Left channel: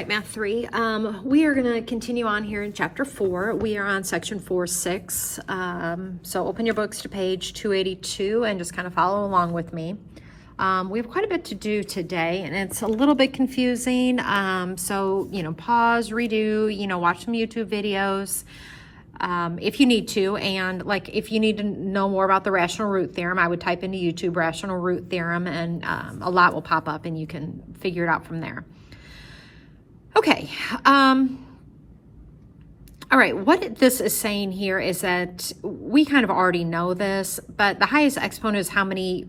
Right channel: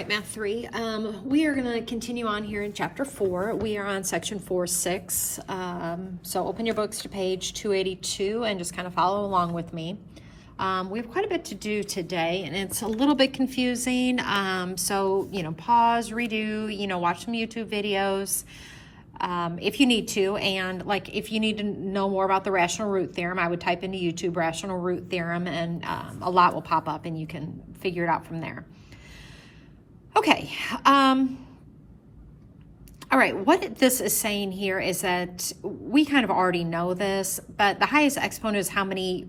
right, Math 3. We are going to continue on here in Chapter 4. We are on Section 4.6. So open your books to page 282 and just kind of follow along with me. We have quite a bit to do today, and it's a little bit confusing. So, pause, redo, watch some YouTube videos if you need to. And if you need to know more about the rational root theorem, I would type into YouTube rational root theorem, and a lot will pop up and you can figure it out from there. Okay, all right, what this is saying here is that we kind of already know this, but the highest exponent is how many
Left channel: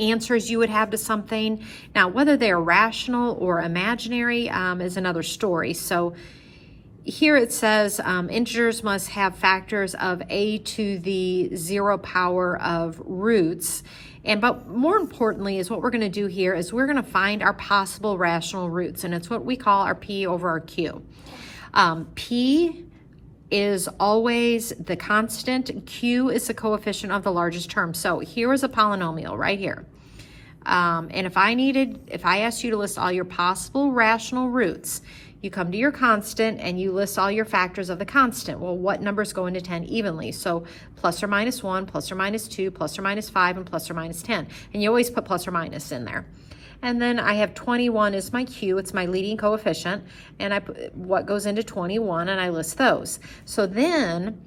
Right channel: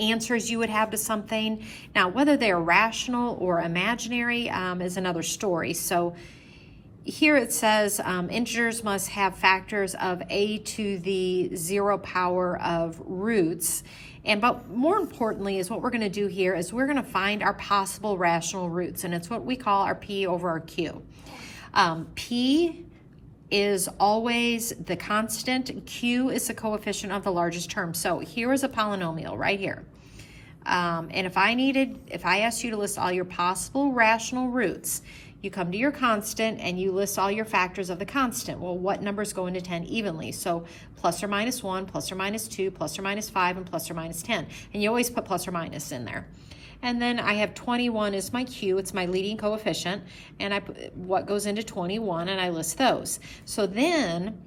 answers you would have to something. Now, whether they're rational or imaginary is another story. So here it says integers must have factors of a to the 0 power of roots. But more importantly is what we're going to do here is we're going to find our possible rational roots, and it's what we call our P over our Q. P is always the constant. Q is the coefficient of the largest term. So here is a polynomial right here. And if I asked you to list all your possible rational roots, you come to your constant and you list all your factors of the constant. Well, what numbers go into 10 evenly? So plus or minus 1, plus or minus 2, plus or minus 5, and plus or minus 10. And you always put plus or minus in there. And then I have 21 as my Q, it's my leading coefficient, and I put what goes into 21, and I list those. So then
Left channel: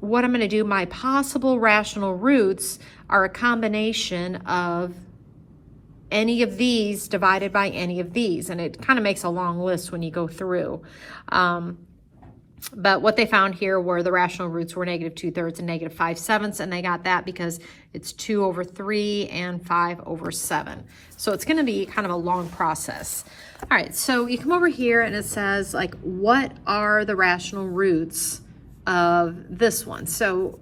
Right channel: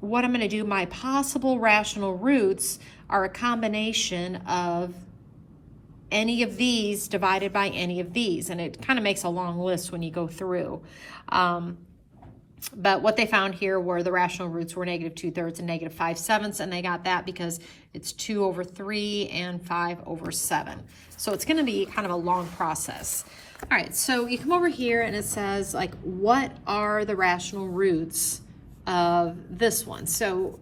what I'm going to do, my possible rational roots are a combination of any of these divided by any of these, and it kind of makes a long list when you go through. But what they found here were the rational roots were negative 2/3 and negative 5/7, and they got that because it's 2 over 3 and 5 over 7. So it's going to be kind of a long process. All right, so you come over here and it says, what are the rational roots of this one? So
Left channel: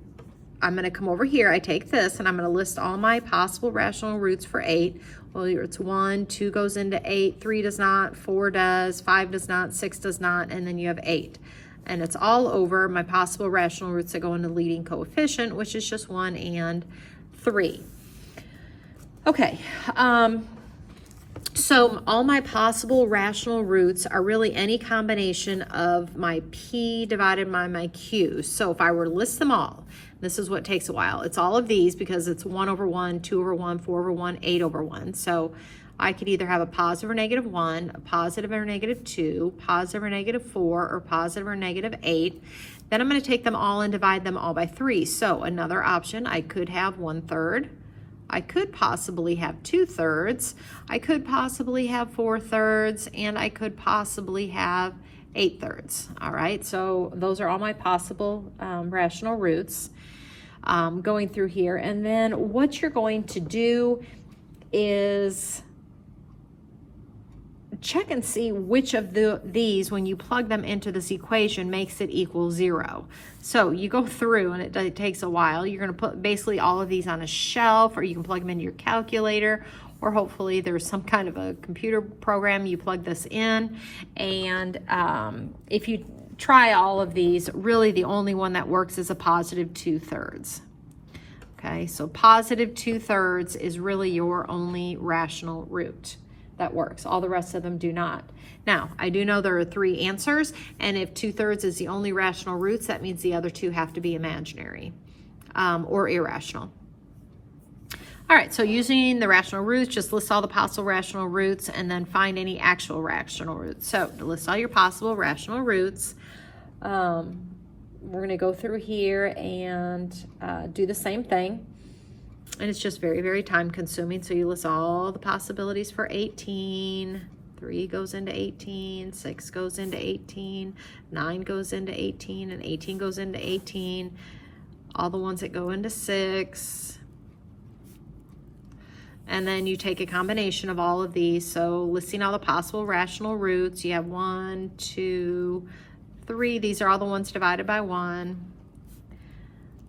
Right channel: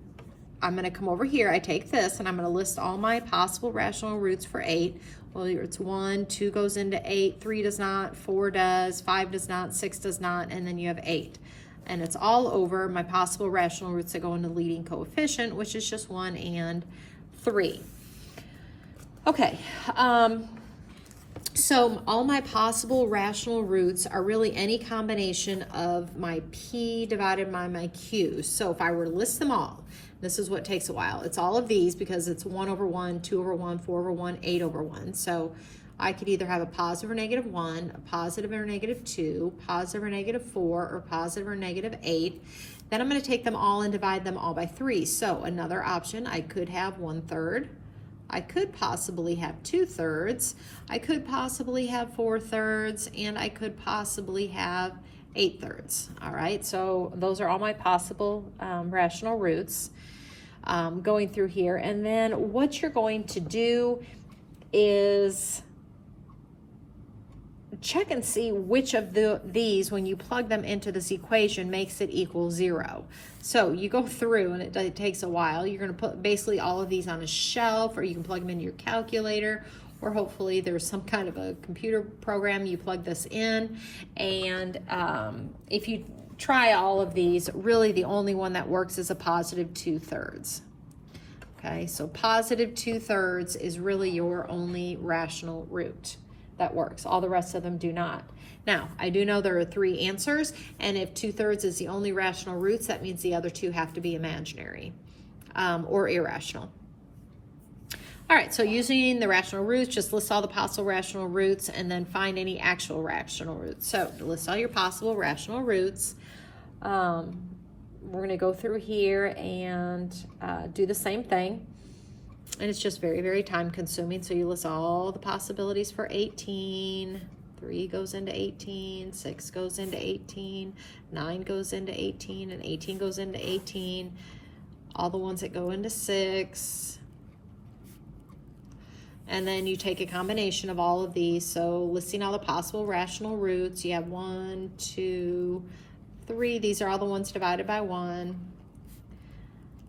I'm going to come over here, I take this, and I'm going to list all my possible rational roots for 8. Well, it's 1, 2 goes into 8, 3 does not, 4 does, 5 does not, 6 does not, and then you have 8. And it's all over my possible rational roots that go into leading coefficient, which is just 1 and 3. Okay, so all my possible rational roots are really any combination of my P divided by my Q. So if I were to list them all, this is what takes a while. It's all of these because it's 1 over 1, 2 over 1, 4 over 1, 8 over 1. So I could either have a positive or negative 1, a positive or negative 2, positive or negative 4, or positive or negative 8. Then I'm going to take them all and divide them all by 3. So another option, I could have 1/3. I could possibly have 2/3. I could possibly have 4/3, and I could possibly have 8/3. All right, so those are all my possible rational roots going through here. And then what you're going to do is check and see which of these, when you plug them into this equation, makes it equal 0. So you go through, and it takes a while. You're going to put basically all of these on a shelf, or you can plug them into your calculator, or hopefully there's some kind of a computer program you plug this in. And if you try all of these, really the only one that works is a positive 2/3. Okay, so positive 2/3 is really your only rational root that works. All the rest of them do not. Now, I do know there are 3 answers, and if 2/3 is the only rational roots, that means the other 2 have to be imaginary or irrational. All right, so using the rational roots, just list all the possible rational roots and then find any actual rational roots. So list all your possible rational roots. We're going to go through here and do the same thing. And it's just very, very time consuming. So you list all the possibilities for 18. 3 goes into 18, 6 goes into 18, 9 goes into 18, and 18 goes into 18. All the ones that go into 6. And then you take a combination of all of these. So listing all the possible rational roots, you have 1, 2, 3. These are all the ones divided by 1.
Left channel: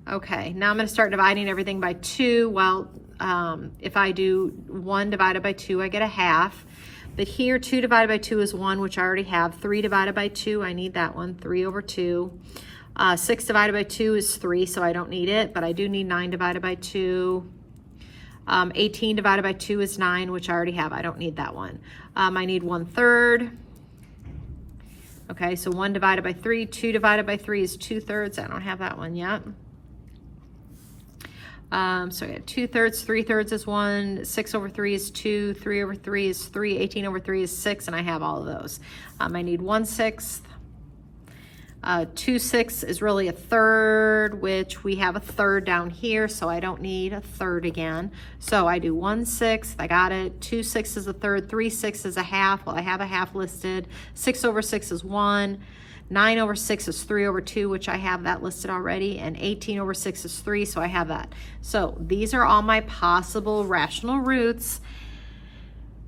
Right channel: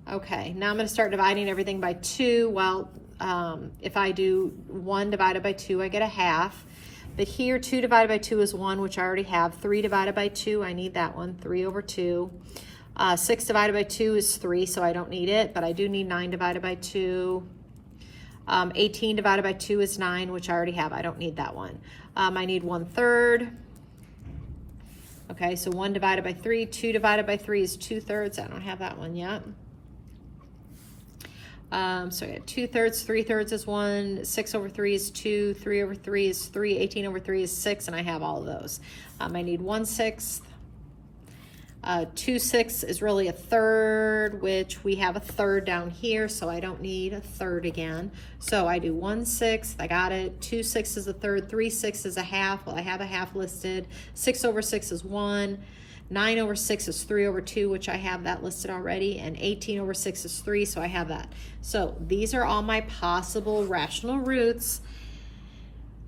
Okay, now I'm going to start dividing everything by 2. Well, if I do 1 divided by 2, I get a half. But here, 2 divided by 2 is 1, which I already have. 3 divided by 2, I need that one, 3 over 2. 6 divided by 2 is 3, so I don't need it, but I do need 9 divided by 2. 18 divided by 2 is 9, which I already have. I don't need that one. I need 1/3. Okay, so 1 divided by 3, 2 divided by 3 is 2/3. I don't have that one yet. So I got 2/3, 3/3 is 1, 6 over 3 is 2, 3 over 3 is 3, 18 over 3 is 6, and I have all of those. I need 1/6. 2/6 is really a third, which we have a third down here, so I don't need a third again. So I do 1/6, I got it. 2/6 is a third, 3/6 is a half. Well, I have a half listed. 6 over 6 is 1. 9 over 6 is 3 over 2, which I have that listed already, and 18 over 6 is 3, so I have that. So these are all my possible rational roots.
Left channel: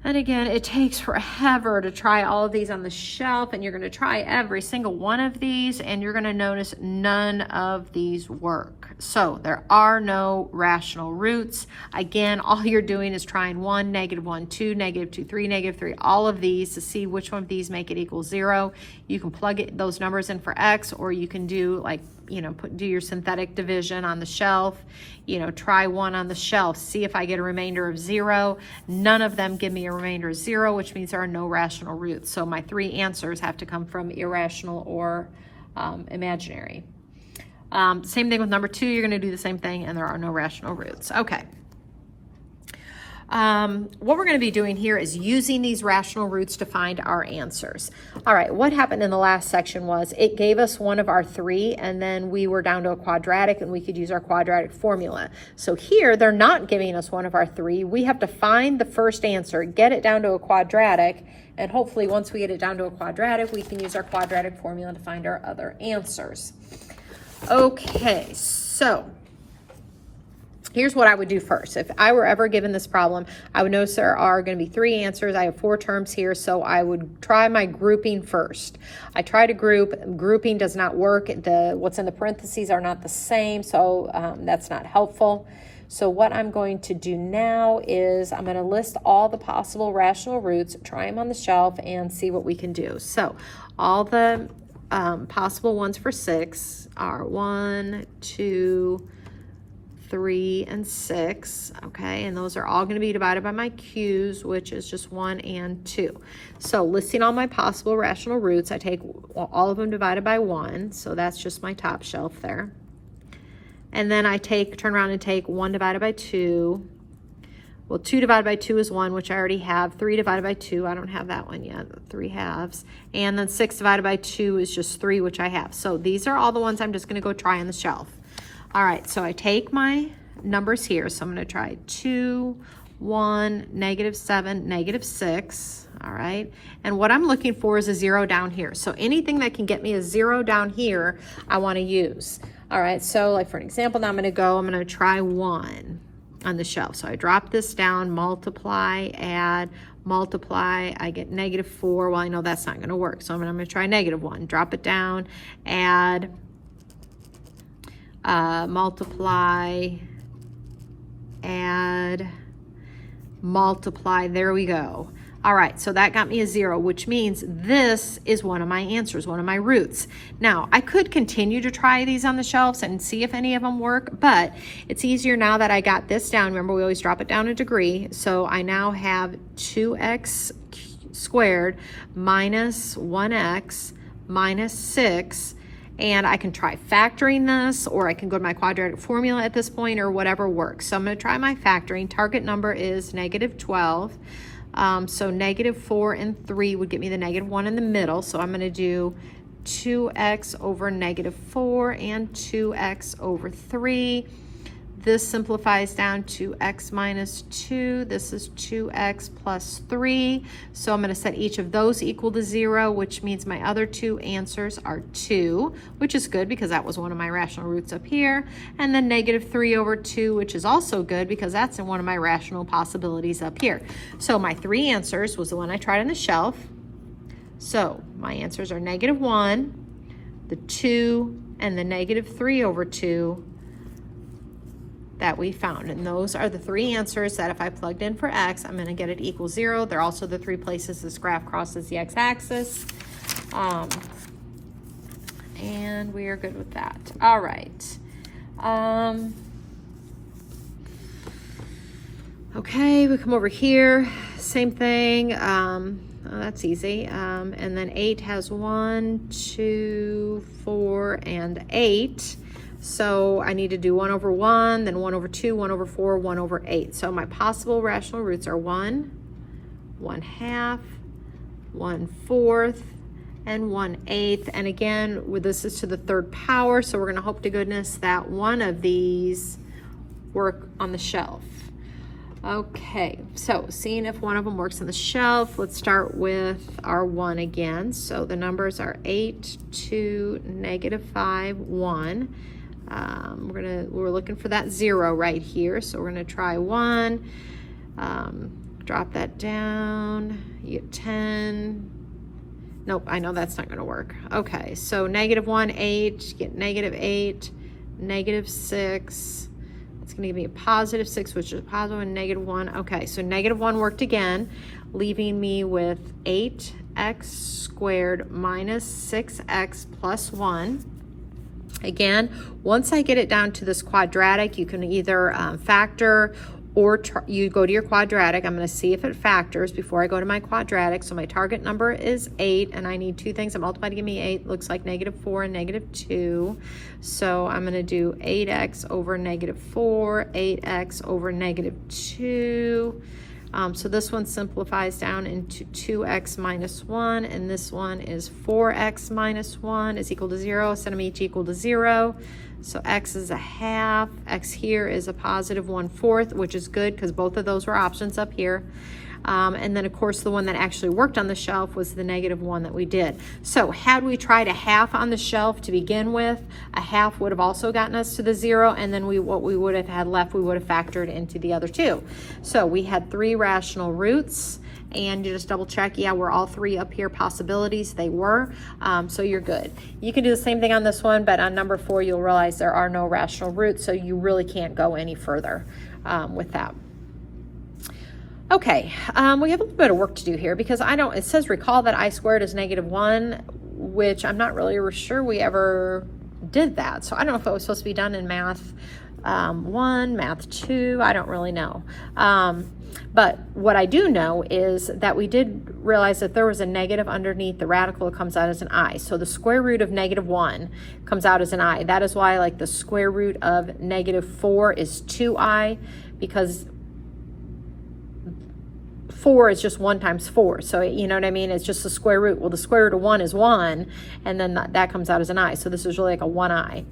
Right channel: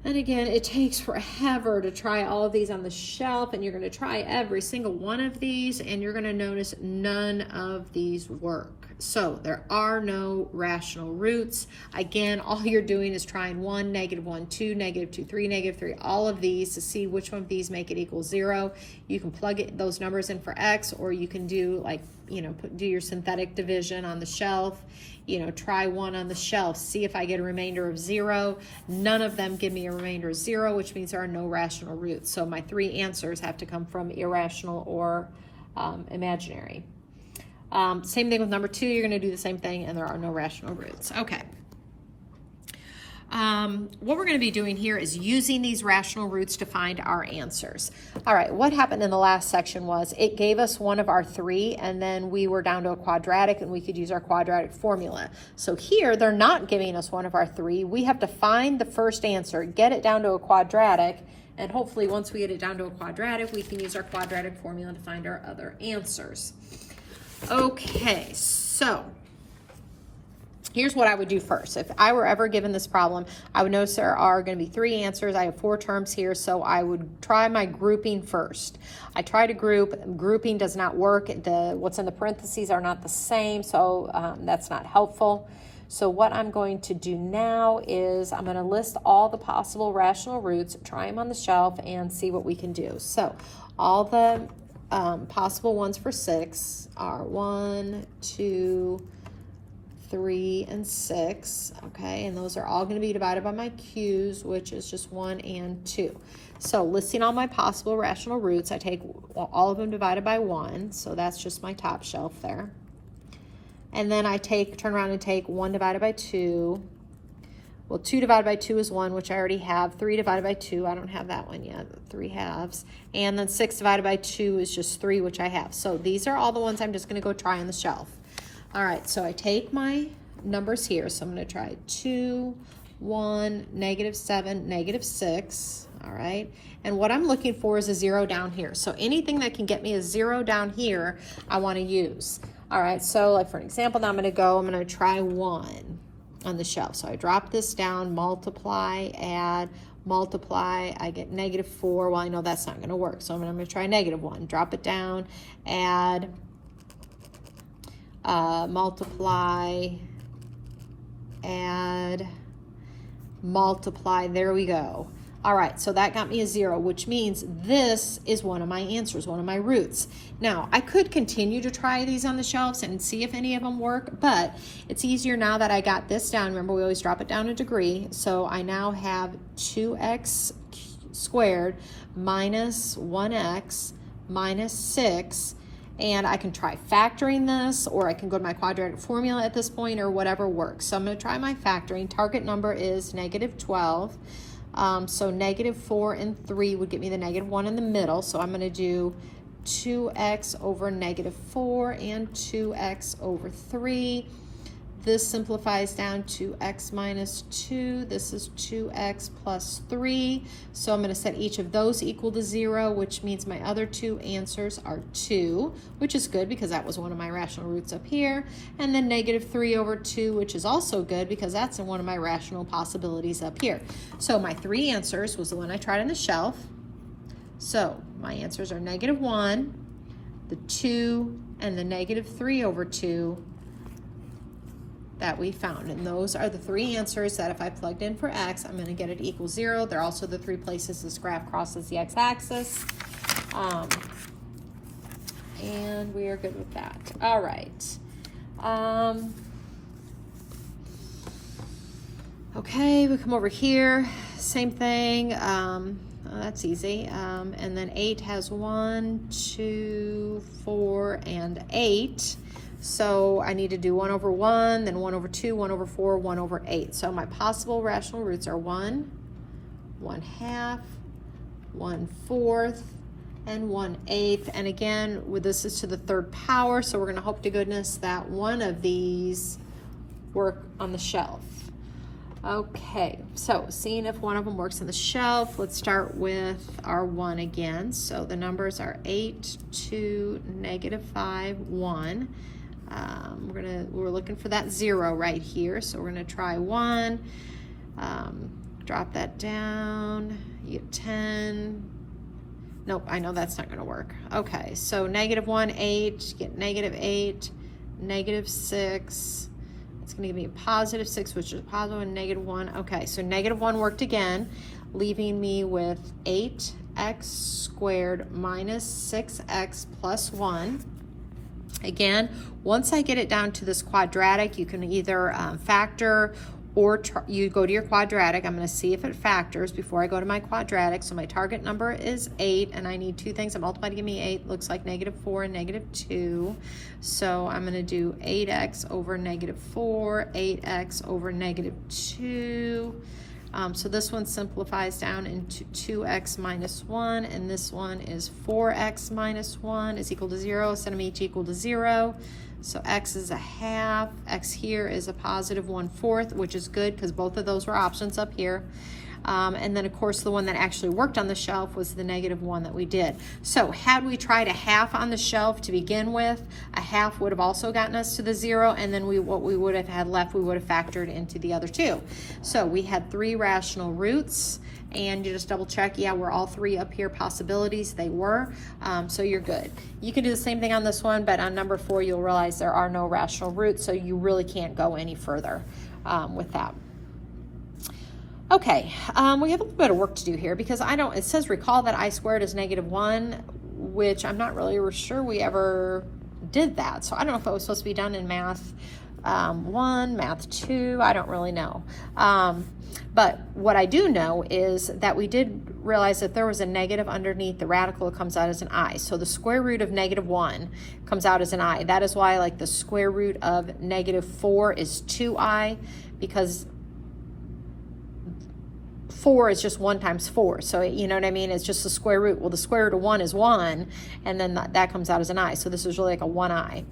And again, it takes forever to try all of these on the shelf, and you're going to try every single one of these, and you're going to notice none of these work. So there are no rational roots. Again, all you're doing is trying 1, -1, 2, -2, 3, -3, all of these to see which one of these make it equal 0. You can plug those numbers in for X, or you can do like, do your synthetic division on the shelf. Try one on the shelf, see if I get a remainder of 0. None of them give me a remainder of 0, which means there are no rational roots. So my 3 answers have to come from irrational or imaginary. Same thing with number 2, you're gonna do the same thing, and there are no rational roots. Okay. What we're going to be doing here is using these rational roots to find our answers. All right, what happened in the last section was it gave us one of our 3, and then we were down to a quadratic, and we could use our quadratic formula. So here, they're not giving us one of our 3. We have to find the first answer, get it down to a quadratic, and hopefully once we get it down to a quadratic, we can use our quadratic formula to find our other answers. Okay, so here's what I would do first. If I were ever given this problem, I would notice there are going to be 3 answers. I have 4 terms here, so I would try my grouping first. I try to group. Grouping does not work. What's in the parentheses are not the same, so that's not helpful. So what I'm going to do now is I'm going to list all the possible rational roots, try them on the shelf, and see what we can do. So all the possible ones for 6 are 1, 2, 3, and 6, okay, and those are all going to be divided by my q's, which is just 1 and 2. So listing all my possible rational roots, I take all of them divided by 1, so that's just my top shelf there. And then I turn around and take 1 divided by 2. Well, 2 divided by 2 is 1, which I already have. 3 divided by 2, I don't have that one yet, 3 halves. And then 6 divided by 2 is just 3, which I have. So these are all the ones I'm just going to go try on the shelf. All right, so I take my numbers here. So I'm going to try 2, 1, -7, -6. All right, and what I'm looking for is a 0 down here. So anything that can get me a 0 down here, I want to use. All right, so like for an example, now I'm going to try 1 on the shelf. So I drop this down, multiply, add, multiply, I get -4. Well, I know that's not going to work, so I'm going to try -1. Drop it down, add, multiply, add, multiply, there we go. All right, so that got me a 0, which means this is one of my answers, one of my roots. Now, I could continue to try these on the shelves and see if any of them work, but it's easier now that I got this down. Remember, we always drop it down a degree, so I now have 2x squared minus 1x minus 6, and I can try factoring this, or I can go to my quadratic formula at this point, or whatever works. So I'm going to try my factoring. Target number is -12. So -4 and 3 would get me the -1 in the middle. So I'm going to do 2x over -4 and 2x over 3. This simplifies down to x minus 2. This is 2x plus 3. So I'm going to set each of those equal to 0, which means my other 2 answers are 2, which is good because that was one of my rational roots up here. And then -3 over 2, which is also good because that's in one of my rational possibilities up here. So my 3 answers was the one I tried on the shelf. So my answers are -1, the 2, and the -3 over 2. That we found, and those are the 3 answers that if I plugged in for x, I'm going to get it equal 0. They're also the 3 places this graph crosses the x-axis, and we are good with that. All right. Okay, we come over here, same thing. That's easy. And then 8 has 1, 2, 4, and 8. So I need to do 1 over 1, then 1 over 2, 1 over 4, 1 over 8. So my possible rational roots are 1, 1/2, 1/4, and 1/8. And again, this is to the third power, so we're going to hope to goodness that one of these work on the shelf. Okay, so seeing if one of them works on the shelf, let's start with our 1 again. So the numbers are 8, 2, -5, 1. We're looking for that 0 right here, so we're gonna try 1. Drop that down. You get 10. Nope, I know that's not gonna work. Okay, so -1, 8. You get -8, -6. It's going to give me a +6, which is a positive, and -1. Okay, so -1 worked again, leaving me with 8x squared minus 6x plus 1. Again, once I get it down to this quadratic, you can either factor or you go to your quadratic. I'm going to see if it factors before I go to my quadratic. So my target number is 8, and I need two things. I multiply to give me 8. Looks like -4 and -2. So I'm going to do 8x over -4, 8x over -2. So this one simplifies down into 2x minus 1, and this one is 4x minus 1 is equal to 0. Set them each equal to 0. So x is 1/2, x here is a positive 1/4, which is good because both of those were options up here. And then of course the one that actually worked on the shelf was the -1 that we did. So had we tried a 1/2 on the shelf to begin with, a 1/2 would have also gotten us to the 0, and then what we would have had left, we would have factored into the other two. So we had 3 rational roots, and you just double check, yeah, were all 3 up here possibilities? They were, so you're good. You can do the same thing on this one, but on number 4, you'll realize there are no rational roots, so you really can't go any further with that. Okay, we have a little bit of work to do here because it says recall that I squared is -1, which I'm not really sure we ever did that. So I don't know if it was supposed to be done in math 1, math 2, I don't really know. But what I do know is that we did realize that there was a negative underneath the radical. It comes out as an I. So the square root of -1 comes out as an I. That is why like the square root of -4 is 2i, because 4 is just 1 times 4. So you know what I mean? It's just the square root. Well, the square root of 1 is 1, and then that comes out as an I. So this is really like a 1i.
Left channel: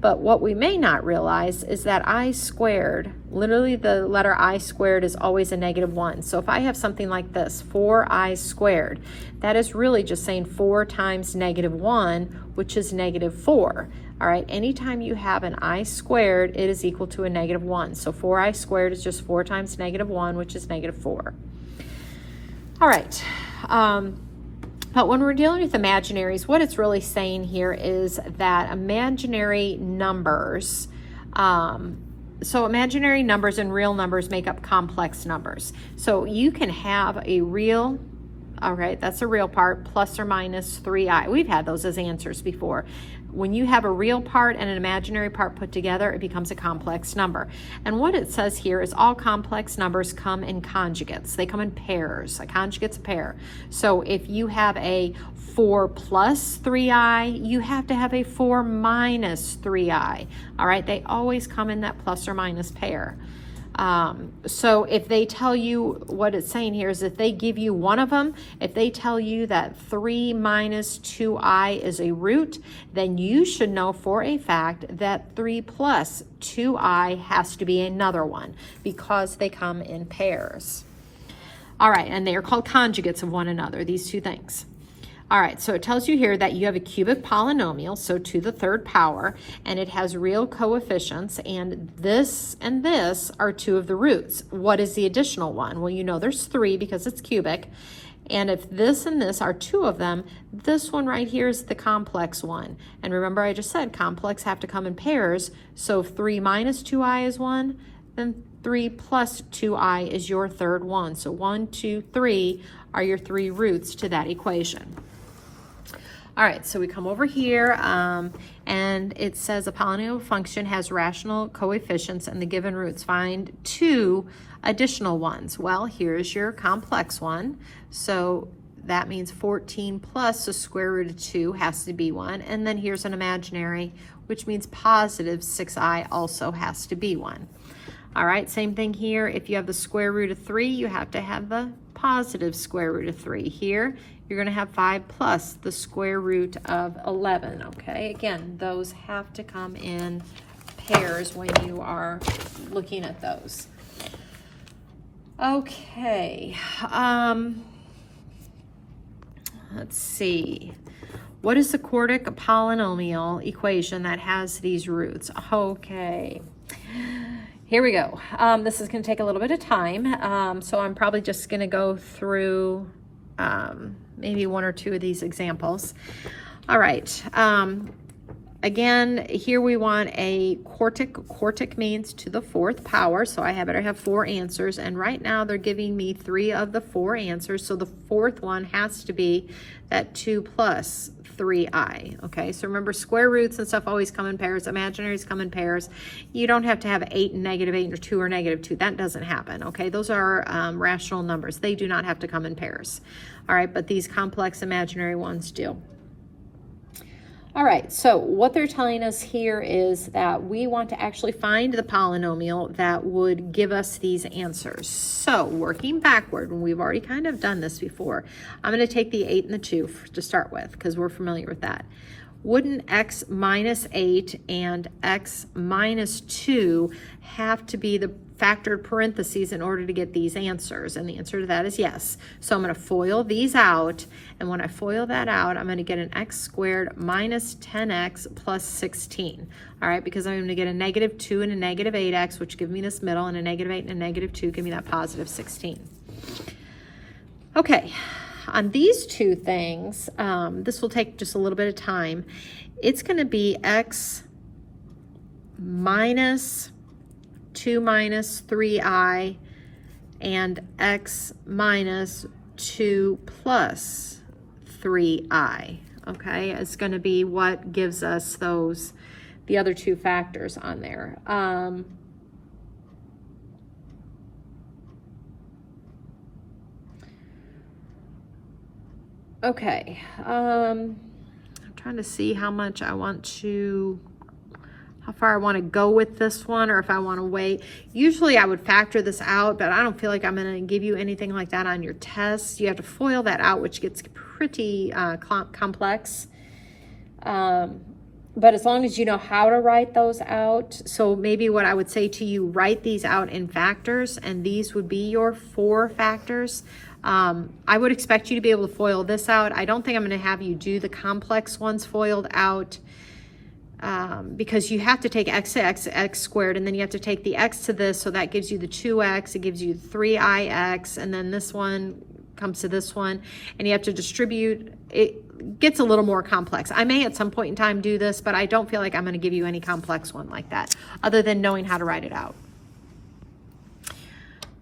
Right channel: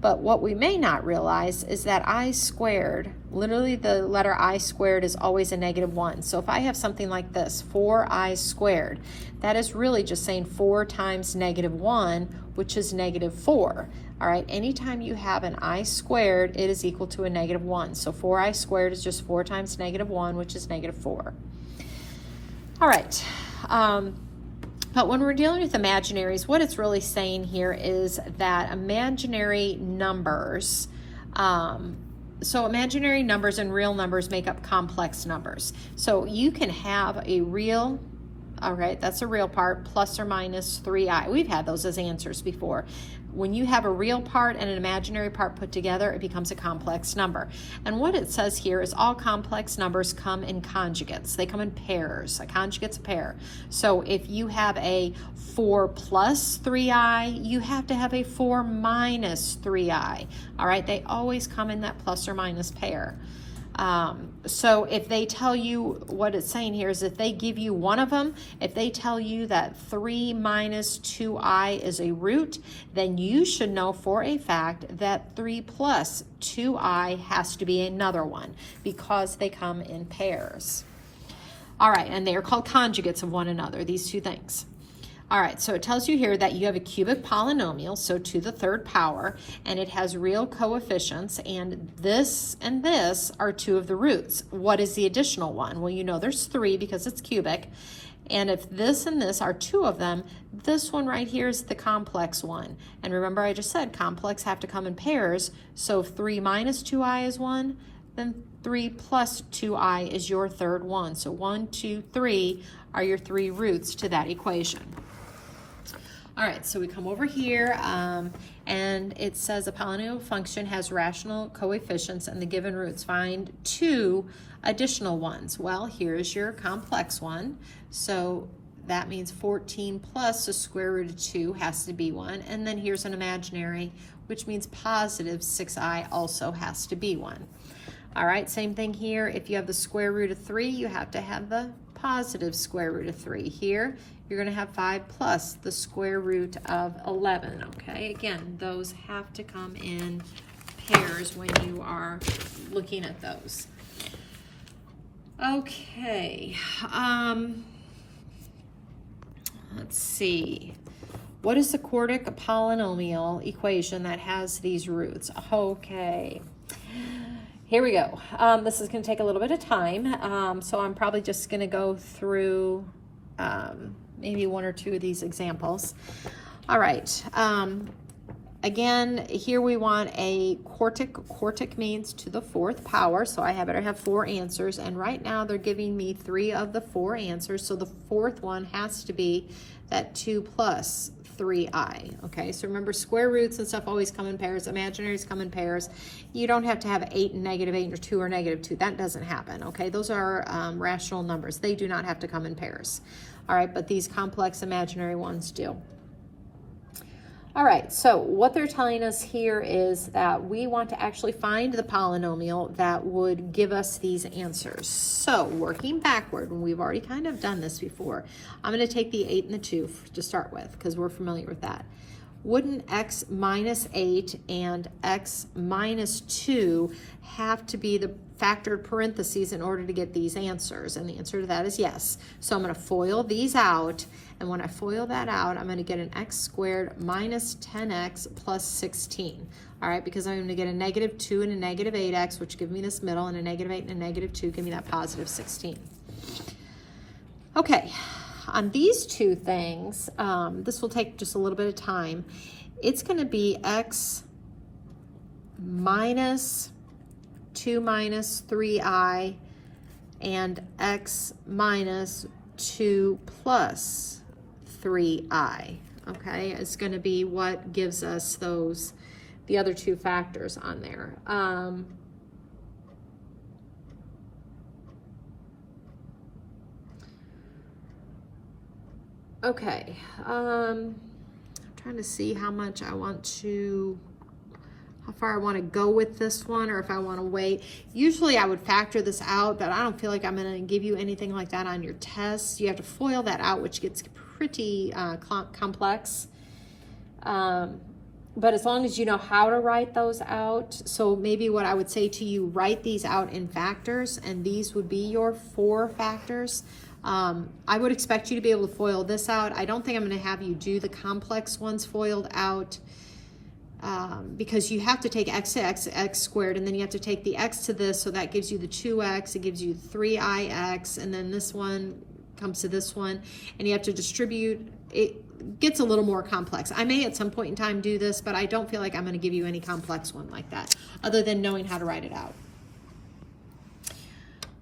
But what we may not realize is that I squared, literally the letter I squared is always a -1. So if I have something like this, 4i squared, that is really just saying 4 times -1, which is -4. All right, anytime you have an I squared, it is equal to a -1. So 4i squared is just 4 times -1, which is -4. All right, but when we're dealing with imaginaries, what it's really saying here is that imaginary numbers, so imaginary numbers and real numbers make up complex numbers. So you can have a real, all right, that's a real part, plus or minus 3i. We've had those as answers before. When you have a real part and an imaginary part put together, it becomes a complex number. And what it says here is all complex numbers come in conjugates. They come in pairs. A conjugate's a pair. So if you have a 4 plus 3i, you have to have a 4 minus 3i. All right, they always come in that plus or minus pair. So if they tell you, what it's saying here is if they give you one of them, if they tell you that 3 minus 2i is a root, then you should know for a fact that 3 plus 2i has to be another one because they come in pairs. All right, and they are called conjugates of one another, these two things. All right, so it tells you here that you have a cubic polynomial, so to the third power, and it has real coefficients, and this are 2 of the roots. What is the additional one? Well, you know there's 3 because it's cubic, and if this and this are 2 of them, this one right here is the complex one. And remember I just said complex have to come in pairs, so if 3 minus 2i is 1, then 3 plus 2i is your third one. So 1, 2, 3 are your 3 roots to that equation. All right, so we come over here and it says a polynomial function has rational coefficients and the given roots. Find 2 additional ones. Well, here's your complex one. So that means 14 plus the square root of 2 has to be 1. And then here's an imaginary, which means positive 6i also has to be 1. All right, same thing here. If you have the square root of 3, you have to have the positive square root of 3. Here, you're going to have 5 plus the square root of 11, okay? Again, those have to come in pairs when you are looking at those. Okay, let's see. What is the quartic polynomial equation that has these roots? Okay. Here we go. This is going to take a little bit of time, so I'm probably just going to go through maybe one or two of these examples. All right. Again, here we want a quartic. Quartic means to the 4th power, so I better have 4 answers, and right now they're giving me 3 of the 4 answers, so the 4th one has to be that 2 plus 3i. Okay, so remember, square roots and stuff always come in pairs. Imaginaries come in pairs. You don't have to have 8 and -8 or 2 or -2. That doesn't happen. Okay, those are rational numbers. They do not have to come in pairs. All right, but these complex imaginary ones do. All right, so what they're telling us here is that we want to actually find the polynomial that would give us these answers. So working backward, and we've already kind of done this before, I'm going to take the 8 and the 2 to start with because we're familiar with that. Wouldn't x minus 8 and x minus 2 have to be the factored parentheses in order to get these answers? And the answer to that is yes. So I'm going to FOIL these out, and when I FOIL that out, I'm going to get an x squared minus 10x plus 16. All right, because I'm going to get a -2 and a -8x, which give me this middle, and a -8 and a -2 give me that positive 16. Okay. On these two things, this will take just a little bit of time. It's going to be x minus 2 minus 3i and x minus 2 plus 3i. Okay, it's going to be what gives us those, the other two factors on there. Okay, I'm trying to see how much I want to, how far I want to go with this one, or if I want to wait. Usually I would factor this out, but I don't feel like I'm going to give you anything like that on your test. You have to FOIL that out, which gets pretty complex. But as long as you know how to write those out, so maybe what I would say to you, write these out in factors, and these would be your 4 factors. I would expect you to be able to FOIL this out. I don't think I'm going to have you do the complex ones FOILed out because you have to take x to x squared, and then you have to take the x to this, so that gives you the 2x, it gives you 3ix, and then this one comes to this one, and you have to distribute. It gets a little more complex. I may at some point in time do this, but I don't feel like I'm going to give you any complex one like that, other than knowing how to write it out.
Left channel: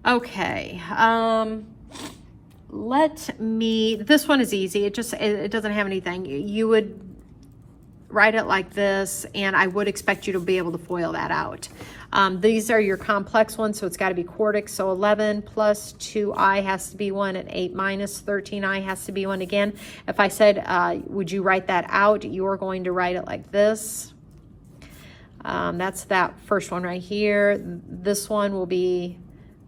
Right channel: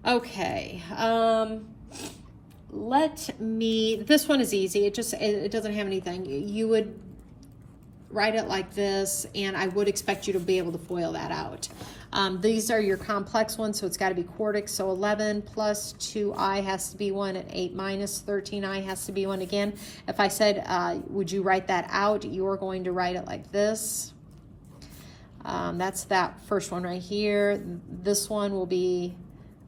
Okay. This one is easy. It doesn't have anything. You would write it like this, and I would expect you to be able to FOIL that out. These are your complex ones, so it's got to be quartic. So 11 plus 2i has to be 1, and 8 minus 13i has to be 1 again. If I said, would you write that out, you're going to write it like this. That's that first one right here. This one will be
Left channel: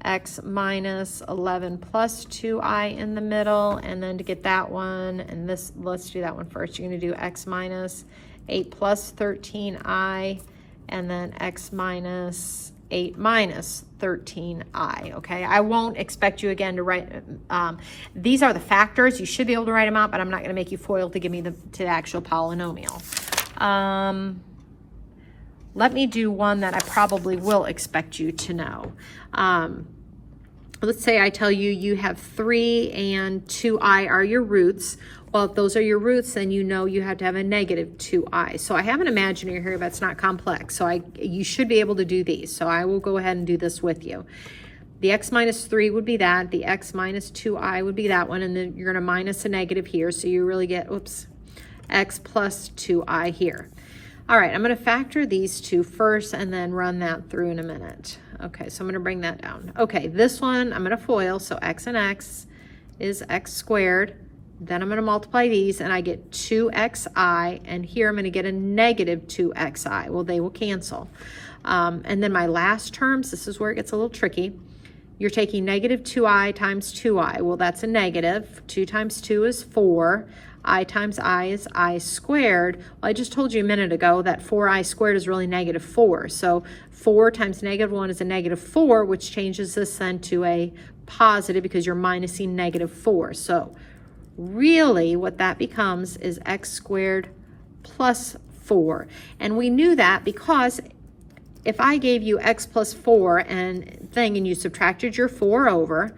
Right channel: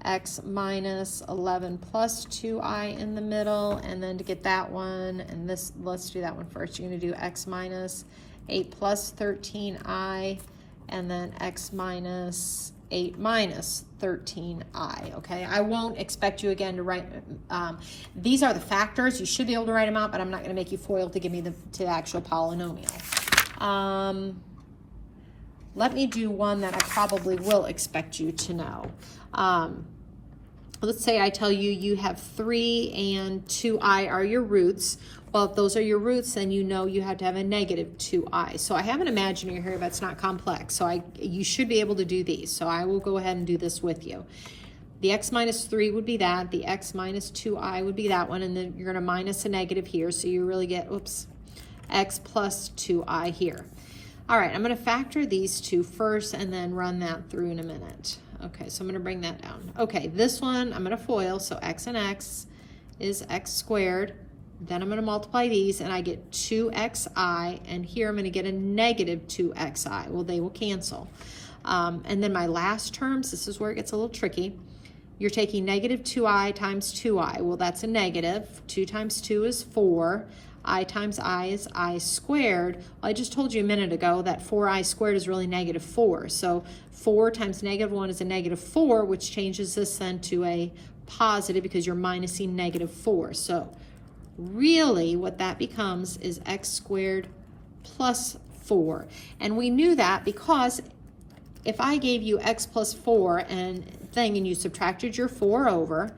x minus 11 plus 2i in the middle, and then to get that one, and this, let's do that one first. You're going to do x minus 8 plus 13i, and then x minus 8 minus 13i. Okay, I won't expect you again to write, these are the factors. You should be able to write them out, but I'm not going to make you FOIL to give me the actual polynomial. Let me do one that I probably will expect you to know. Let's say I tell you you have 3 and 2i are your roots. Well, if those are your roots, then you know you have to have a -2i. So I have an imaginary here, but it's not complex. So you should be able to do these. So I will go ahead and do this with you. The x minus 3 would be that. The x minus 2i would be that one. And then you're going to minus a negative here. So you really get, oops, x plus 2i here. All right, I'm going to factor these two first and then run that through in a minute. Okay, so I'm going to bring that down. Okay, this one I'm going to FOIL, so x and x is x squared. Then I'm going to multiply these, and I get 2xi, and here I'm going to get a negative 2xi. Well, they will cancel. And then my last terms, this is where it gets a little tricky. You're taking negative 2i times 2i. Well, that's a negative. 2 times 2 is 4. I times I is I squared. Well, I just told you a minute ago that 4i squared is really negative 4. So 4 times negative 1 is a negative 4, which changes this then to a positive because you're minusing negative 4. So really what that becomes is x squared plus 4. And we knew that because if I gave you x plus 4 and you subtracted your 4 over,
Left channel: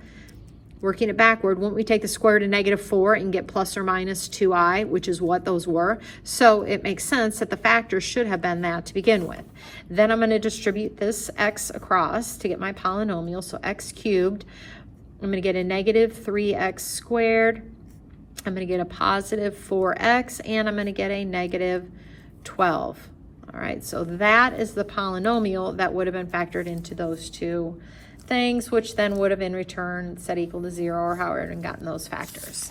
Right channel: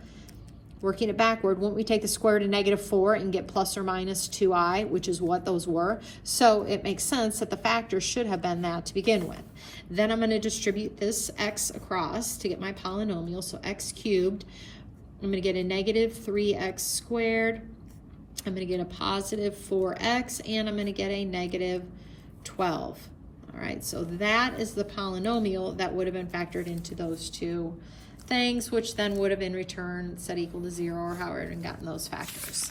working it backward, wouldn't we take the square root of negative 4 and get plus or minus 2i, which is what those were? So it makes sense that the factor should have been that to begin with. Then I'm going to distribute this x across to get my polynomial, so x cubed. I'm going to get a negative 3x squared. I'm going to get a positive 4x, and I'm going to get a negative 12. All right, so that is the polynomial that would have been factored into those two things, which then would have in return set equal to 0 or however and gotten those factors.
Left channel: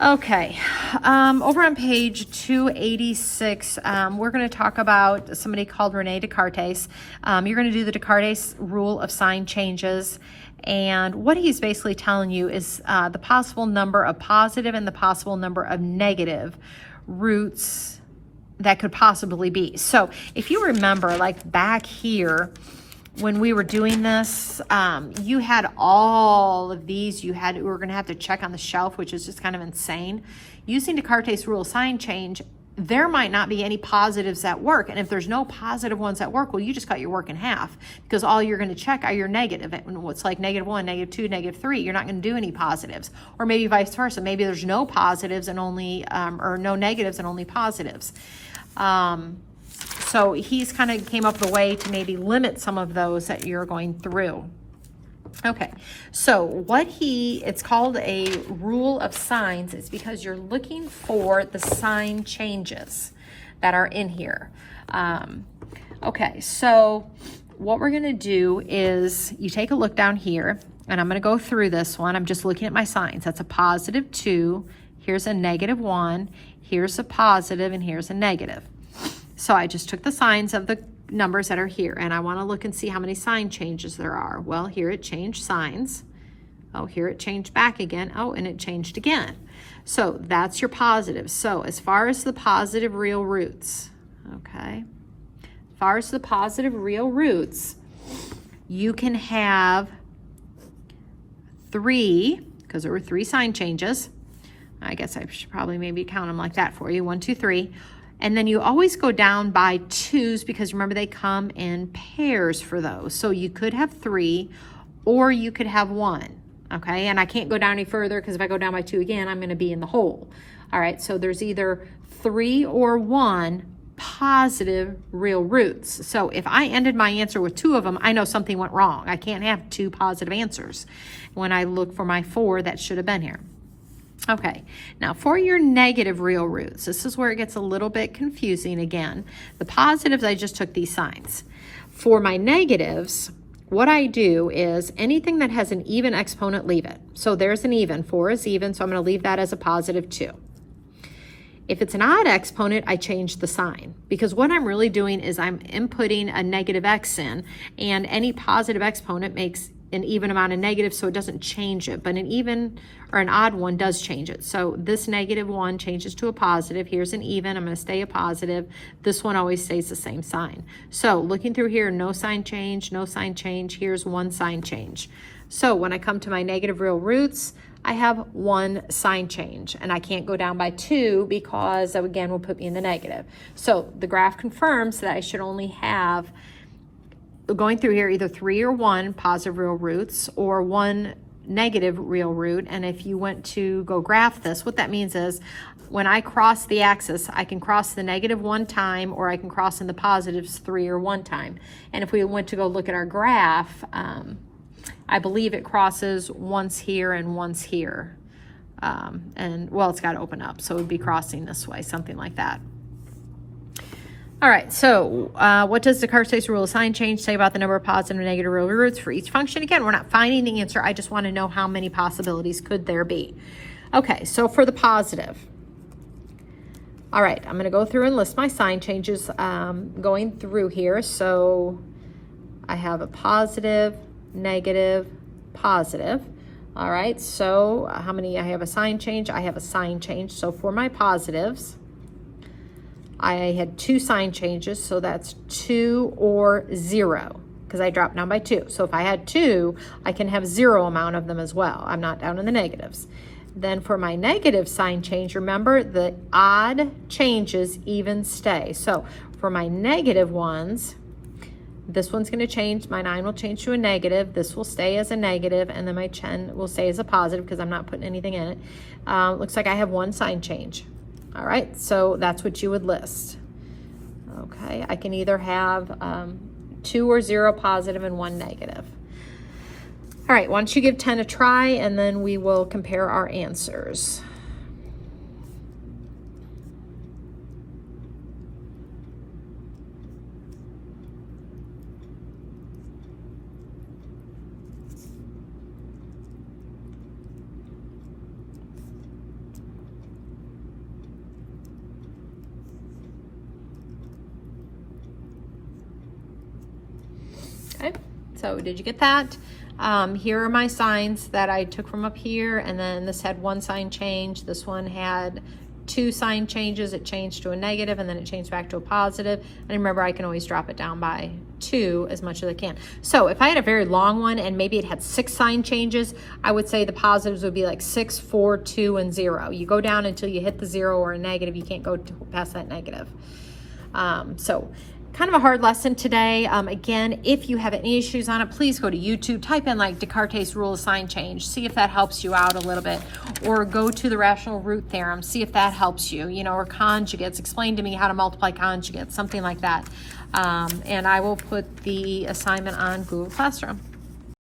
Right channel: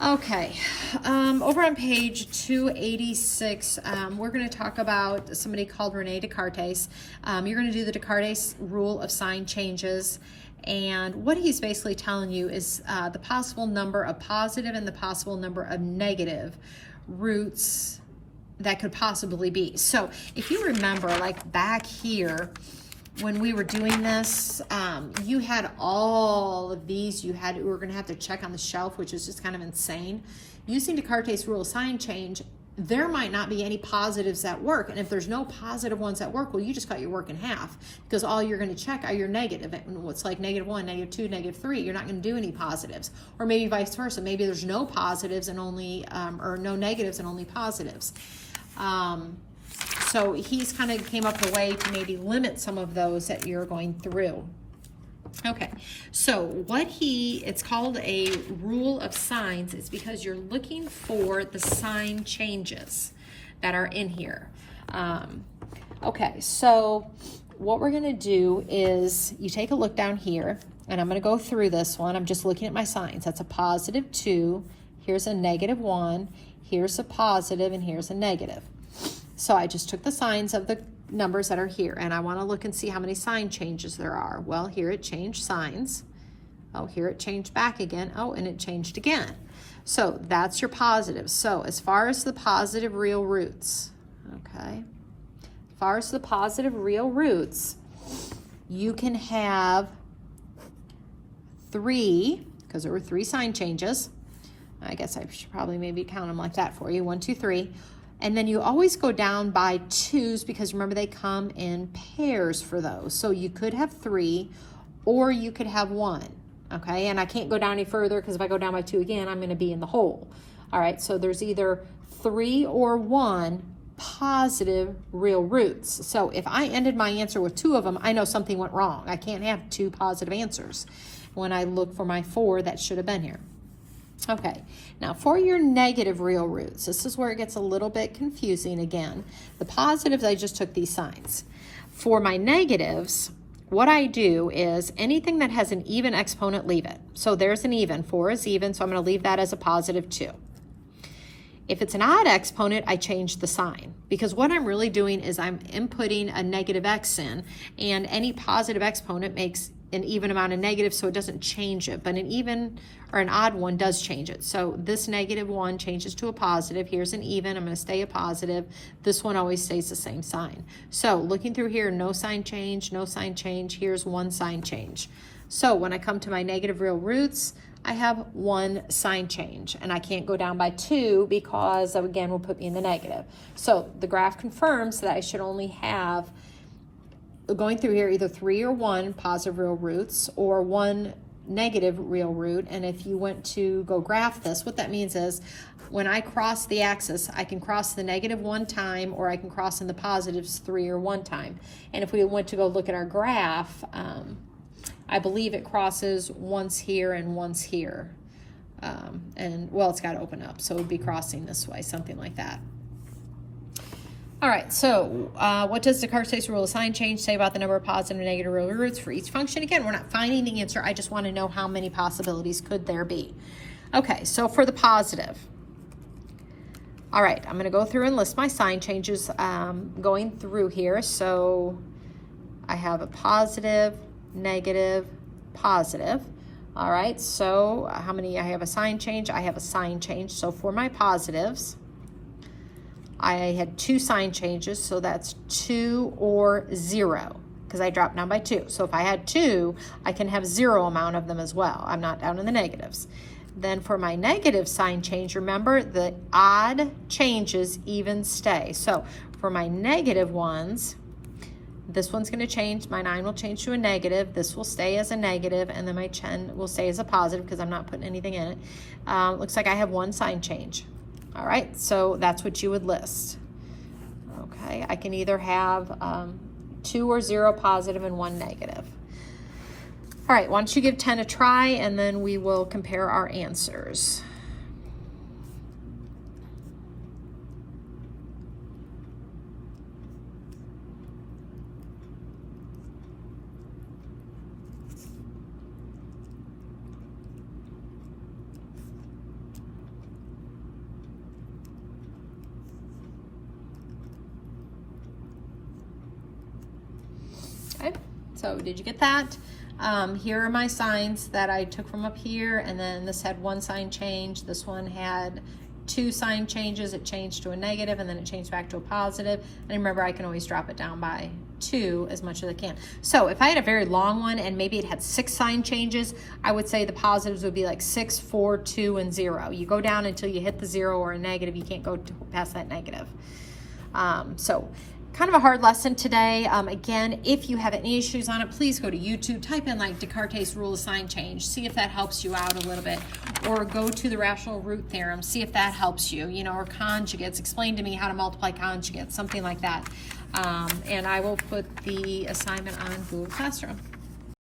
Okay, over on page 286, we're going to talk about somebody called Rene Descartes. You're going to do the Descartes rule of sign changes. And what he's basically telling you is the possible number of positive and the possible number of negative roots that could possibly be. So if you remember, like back here, when we were doing this, you had all of these. We were going to have to check on the shelf, which is just kind of insane. Using Descartes' rule of sign change, there might not be any positives that work. And if there's no positive ones that work, well, you just cut your work in half because all you're going to check are your negative. What's like negative 1, negative 2, negative 3. You're not going to do any positives. Or maybe vice versa. Maybe there's no positives and only, or no negatives and only positives. So he's kind of came up with a way to maybe limit some of those that you're going through. Okay, so it's called a rule of signs. It's because you're looking for the sign changes that are in here. Okay, so what we're going to do is you take a look down here, and I'm going to go through this one. I'm just looking at my signs. That's a positive 2. Here's a negative 1. Here's a positive, and here's a negative. So I just took the signs of the numbers that are here, and I want to look and see how many sign changes there are. Well, here it changed signs. Oh, here it changed back again. Oh, and it changed again. So that's your positives. So as far as the positive real roots, okay, as far as the positive real roots, you can have 3, because there were 3 sign changes. I guess I should probably maybe count them like that for you. 1, 2, 3. And then you always go down by 2s because remember they come in pairs for those. So you could have 3 or you could have 1, okay? And I can't go down any further because if I go down by 2 again, I'm going to be in the hole. All right, so there's either 3 or 1 positive real roots. So if I ended my answer with 2 of them, I know something went wrong. I can't have 2 positive answers when I look for my 4 that should have been here. Okay, now for your negative real roots, this is where it gets a little bit confusing again. The positives, I just took these signs. For my negatives, what I do is anything that has an even exponent, leave it. So there's an even, 4 is even, so I'm going to leave that as a positive 2. If it's an odd exponent, I change the sign because what I'm really doing is I'm inputting a negative x in, and any positive exponent makes an even amount of negative, so it doesn't change it, but an even or an odd one does change it. So this negative 1 changes to a positive. Here's an even, I'm going to stay a positive. This one always stays the same sign. So looking through here, no sign change, no sign change. Here's 1 sign change. So when I come to my negative real roots, I have 1 sign change, and I can't go down by 2 because that again will put me in the negative. So the graph confirms that I should only have, going through here, either 3 or 1 positive real roots or 1 negative real root. And if you went to go graph this, what that means is when I cross the axis, I can cross the negative 1 time, or I can cross in the positives 3 or 1 time. And if we went to go look at our graph, I believe it crosses once here and once here. And well, it's got to open up, so it would be crossing this way, something like that. All right, so what does Descartes' rule of sign change say about the number of positive and negative real roots for each function? Again, we're not finding the answer. I just want to know how many possibilities could there be. Okay, so for the positive. All right, I'm going to go through and list my sign changes going through here. So I have a positive, negative, positive. All right, so how many? I have a sign change. I have a sign change. So for my positives, I had 2 sign changes, so that's 2 or 0, because I dropped down by 2. So if I had 2, I can have 0 amount of them as well. I'm not down in the negatives. Then for my negative sign change, remember the odd changes even stay. So for my negative ones, this one's going to change. My 9 will change to a negative. This will stay as a negative, and then my 10 will stay as a positive because I'm not putting anything in it. Looks like I have 1 sign change. All right, so that's what you would list. Okay, I can either have 2 or 0 positive and 1 negative. All right, why don't you give 10 a try, and then we will compare our answers. Okay, so did you get that? Here are my signs that I took from up here, and then this had 1 sign change. This one had 2 sign changes. It changed to a negative, and then it changed back to a positive. And remember, I can always drop it down by 2 as much as I can. So if I had a very long one and maybe it had 6 sign changes, I would say the positives would be like 6, 4, 2, and 0. You go down until you hit the 0 or a negative. You can't go past that negative. So kind of a hard lesson today. Again, if you have any issues on it, please go to YouTube, type in like Descartes' rule of sign change, see if that helps you out a little bit, or go to the rational root theorem, see if that helps you, or conjugates, explain to me how to multiply conjugates, something like that. And I will put the assignment on Google Classroom.